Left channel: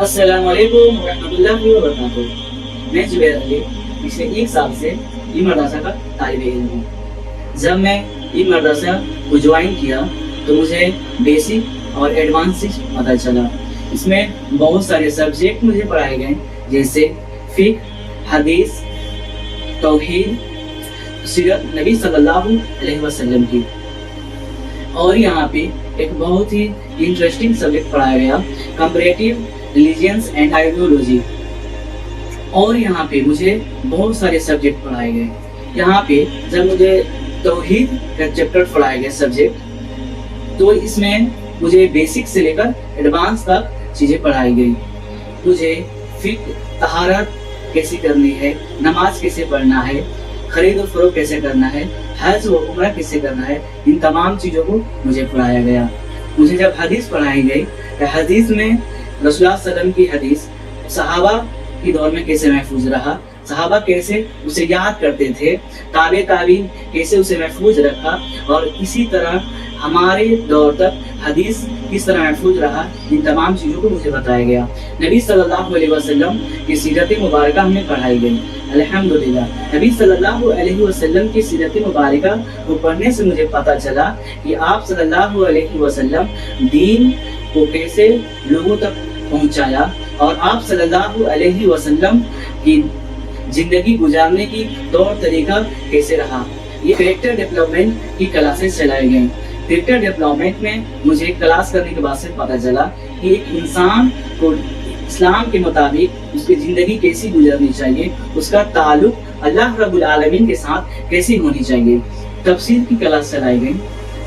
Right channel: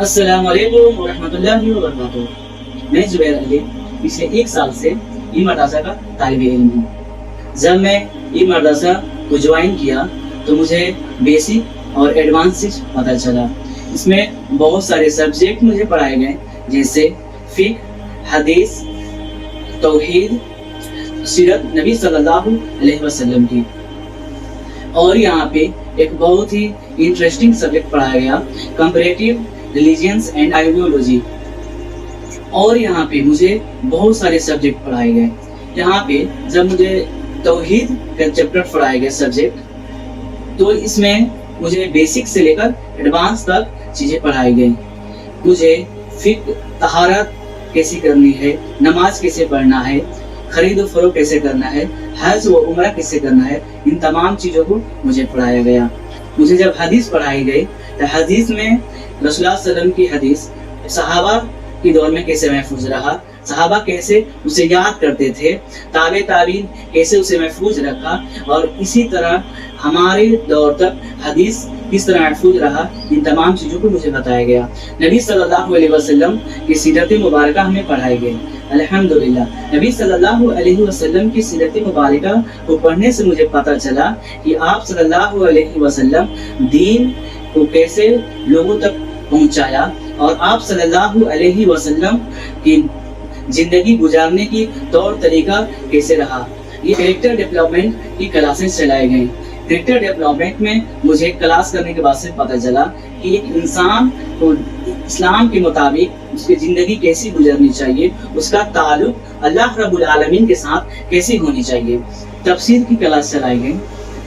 अस्सलाम वालेकुम वरहमतुल्लाहि वबरकातुहू। मैं जुबैर अली पिछले 1 साल से ई मदरसा का तालिब इल्म हूँ। जब मैं ई मदरसा को ज्वाइन किया तो मुझे बेसिक और एडवांस चीज पता चला। इसमें बहुत सारे सब्जेक्ट मुझे पढ़ाए गए, जैसे फिक्र, हदीस, तौहीद, सीरत नबी सल्लल्लाहु अलैहि वसल्लम की। और यहाँ पे एक बहुत ही इंटरेस्टिंग सब्जेक्ट पढ़ाया गया, कंपैरेटिव रिलीजियंस एंड आइडियोलॉजी। और यहाँ पे मुझे बहुत सारे सब्जेक्ट पढ़ाए गए। यहाँ पे जब मुझे तौहीद का चैप्टर पढ़ाया गया सब्जेक्ट, तो इसमें मुझे बेसिक से लेकर एडवांस तक चीजें पढ़ाई गई। मुझे फिक्र, तहारत कैसे करनी है, नमाज कैसे पढ़ना है, खरीद और फरोख्त कैसे करना है, हज व उम्रा कैसे करना है, इन तमाम चीजों को मुझे पढ़ाया गया। मुझे जब हदीस पढ़ाई गई तो हदीस में रसूलुल्लाह सल्लल्लाहु अलैहि वसल्लम की हदीस सहाबा के दौर में कैसे महफूज रहा, सहाबा कैसे उसे याद करते थे, ताबे ताबीन कैसे उसे महफूज रखा, और इसी तरह हमारे दौर तक हदीस किस तरह महफूज रहा, इन तमाम चीज़ों को मुझे बताया गया। नबी सल्लल्लाहु अलैहि वसल्लम की सीरत मुबारक हमें पढ़ाई गई। अल्हम्दुलिल्लाह, नबी सल्लल्लाहु अलैहि वसल्लम की सीरत मुबारक को पढ़ने से मुझे पता चला कि आप सल्लल्लाहु अलैहि वसल्लम दीन को कैसे लोगों तक पहुंचाया, और आप सल्लल्लाहु अलैहि वसल्लम की जिंदगी गुजारने की तौर तरीका कैसे रहा। ये कैरेक्टर डेवलपमेंट की क्लासेस चलाई गई। कैरेक्टर डेवलपमेंट में मुझे क्लास करने के बाद से पता चला कि एक इंसान को इस्लाम के मुताबिक उसकी जिंदगी कैसी गुजरनी चाहिए, उसका ताल्लुक अल्लाह रब्बुल आलमीन के साथ कैसी होनी चाहिए। तफसीर की क्लास चलाई गई।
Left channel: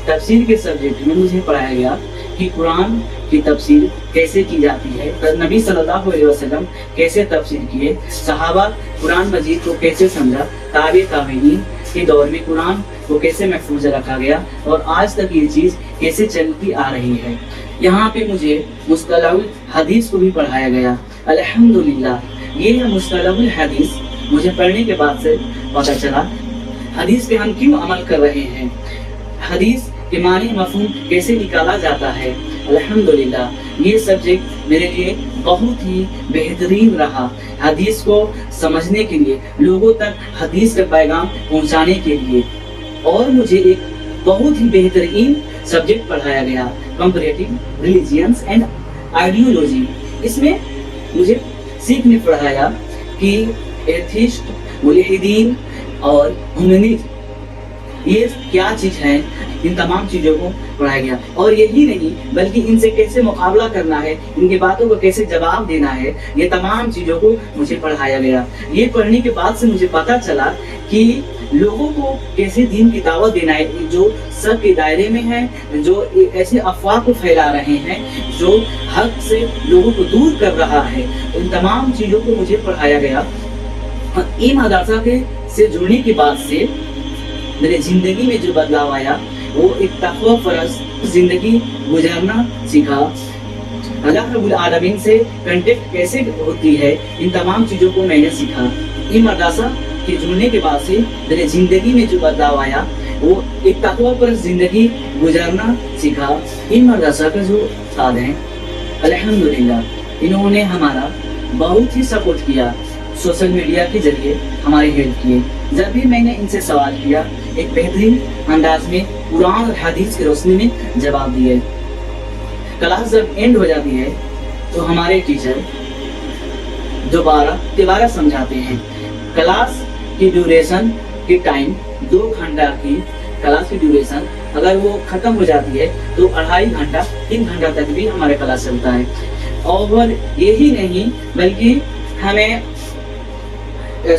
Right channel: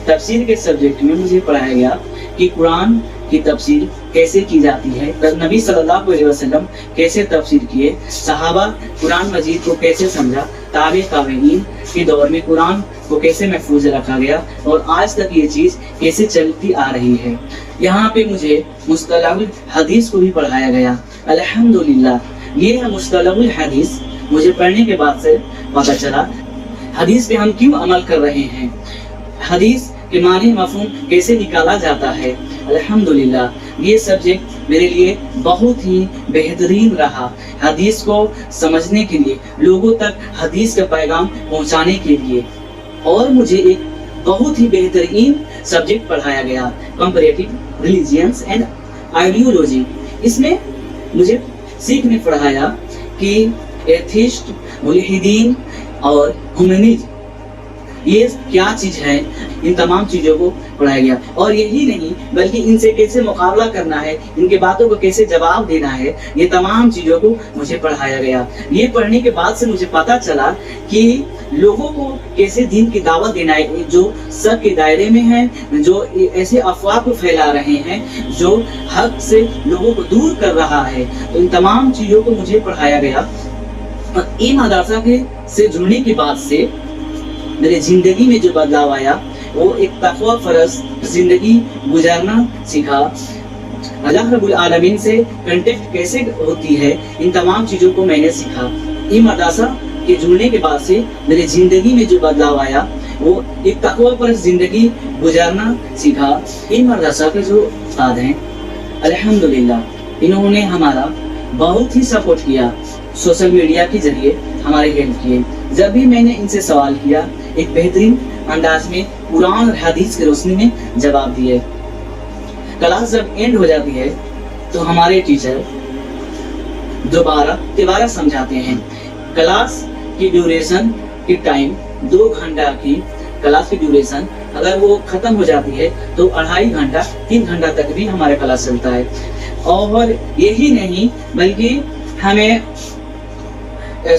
तफसीर के सब्जेक्ट में मुझे पढ़ाया गया कि कुरान की तफसीर कैसे की जाती है, नबी सल्लल्लाहु अलैहि वसल्लम कैसे तफसीर किए, सहाबा कुरान मजीद को कैसे समझा, ताबे ताबीन के दौर में कुरान को कैसे महफूज रखा गया, और आज तक ये चीज़ कैसे चलती आ रही है। यहाँ पे मुझे मुस्तलाहुल हदीस को भी पढ़ाया गया। अल्हम्दुलिल्लाह, ये मुस्तलाहुल हदीस मुझे पढ़ने के बाद से पता चला हदीस पे हम क्यों अमल कर रहे हैं, हदीस के मानी मफहूम कैसे निकाला जाता है। अल्हम्दुलिल्लाह, ये सब्जेक्ट मेरे लिए बहुत ही बेहतरीन रहा, हदीस को समझने के लिए, लोगों तक हदीस का पैगाम पहुंचाने के लिए। और मुझे एक बहुत ही बेहतरीन सब्जेक्ट पढ़ाया गया, कंपैरेटिव रिलीजियंस एंड आइडियोलॉजी। इसमें मुझे सीखने पढ़ाया कि एथिस्ट, मुल्हिदीन और ह्यूमनिज्म ये क्या चीज है, इन तमाम चीजों को पढ़ाया गया। और यही नहीं बल्कि इनसे कैसे मुकाबला करना है, इनके बातों को कैसे जवाब देना है, ये तमाम चीजों को मुझे पढ़ाया गया। ये पढ़ने के बाद से मुझे पता चला कि लोगों को कैसे दीन की दावत देना है, जो शक के दायरे में है, जो ऐसे अफवाह को फैला रहे हैं, जो हक से लोगों को दूर कर रहा है, तो इन तमाम चीजों को मुझे पढ़ाया गया। और ई मदरसा के से जुड़ने के बाद से मेरे जिंदगी में जो बदलाव आया, वो एक तक़वा परस्त जिंदगी गुजारना सीखा। अल्लाह रब्बुल आलमीन से कांटेक्ट कैसे होती है, इन तमाम चीज़ों को मैंने सीखा। ई मदरसा के जुड़ने के बाद से मेरे जिंदगी में जो बदलाव आया, वो एक तक़वा परस्त जिंदगी गुजारना सीखा। ई मदरसा का जो उस्ताद हैं, अल्हम्दुलिल्लाह, इन्होंने हमारा बहुत ही सपोर्ट किया, सोशल मीडिया के जरिए हमारी हेल्प किए। जब भी मैंने इनसे सवाल किया, एक बेहतरीन अंदाज में कुरान और हदीस की रोशनी में जवाब दिए। क्लास जब एंड हो जाती है तो हमारे टीचर दोबारा समझाते हैं। क्लास की ड्यूरेशन की टाइम 2 घंटा की क्लास की ड्यूरेशन अगर वो खत्म हो जाती है तो 2.5 घंटा 3 घंटा तक भी हमारा क्लास चलता है। और यही नहीं बल्कि हमें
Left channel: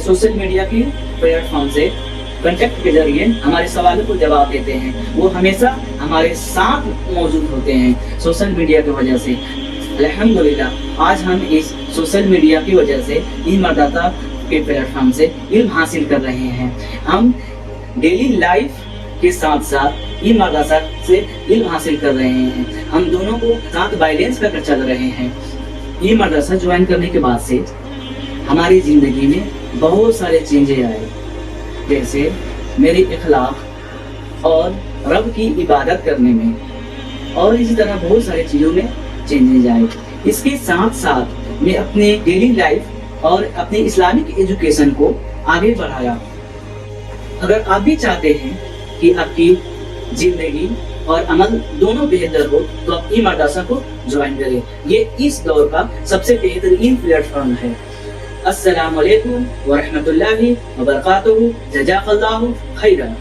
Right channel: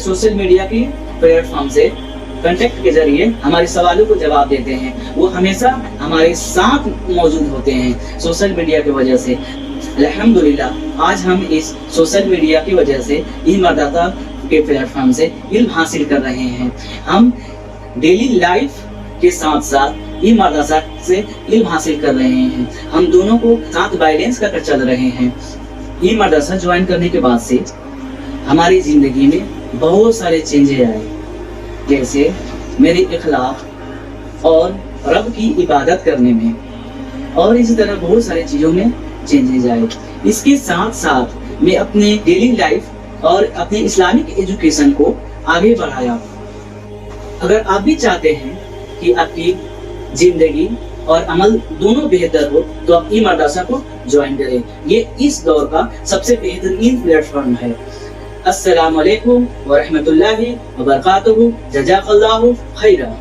सोशल मीडिया की प्लेटफॉर्म से कांटेक्ट के जरिए हमारे सवालों को जवाब देते हैं। वो हमेशा हमारे साथ मौजूद होते हैं सोशल मीडिया की वजह से। अल्हम्दुलिल्लाह, आज हम इस सोशल मीडिया की वजह से ई मदरसा के प्लेटफॉर्म से इल्म हासिल कर रहे हैं। हम डेली लाइफ के साथ साथ ई मदरसा से इल्म हासिल कर रहे हैं। हम दोनों को साथ बैलेंस करके चल रहे हैं। ई मदरसा ज्वाइन करने के बाद से हमारी ज़िंदगी में बहुत सारे चेंजेस आए, जैसे मेरी इखलाक और रब की इबादत करने में, और इसी तरह बहुत सारी चीज़ों में चेंजेस आए। اس کے ساتھ ساتھ میں اپنی ڈیلی لائف اور اپنے اسلامک ایجوکیشن کو آگے بڑھایا۔ اگر آپ بھی چاہتے ہیں کہ آپ کی زندگی اور عمل دونوں بہتر ہو تو آپ ای مدرسہ کو جوائن کریں۔ یہ اس دور کا سب سے بہترین پلیٹ فارم ہے۔ السلام علیکم ورحمۃ اللہ وبرکاتہ۔ جزاک اللہ خیرا۔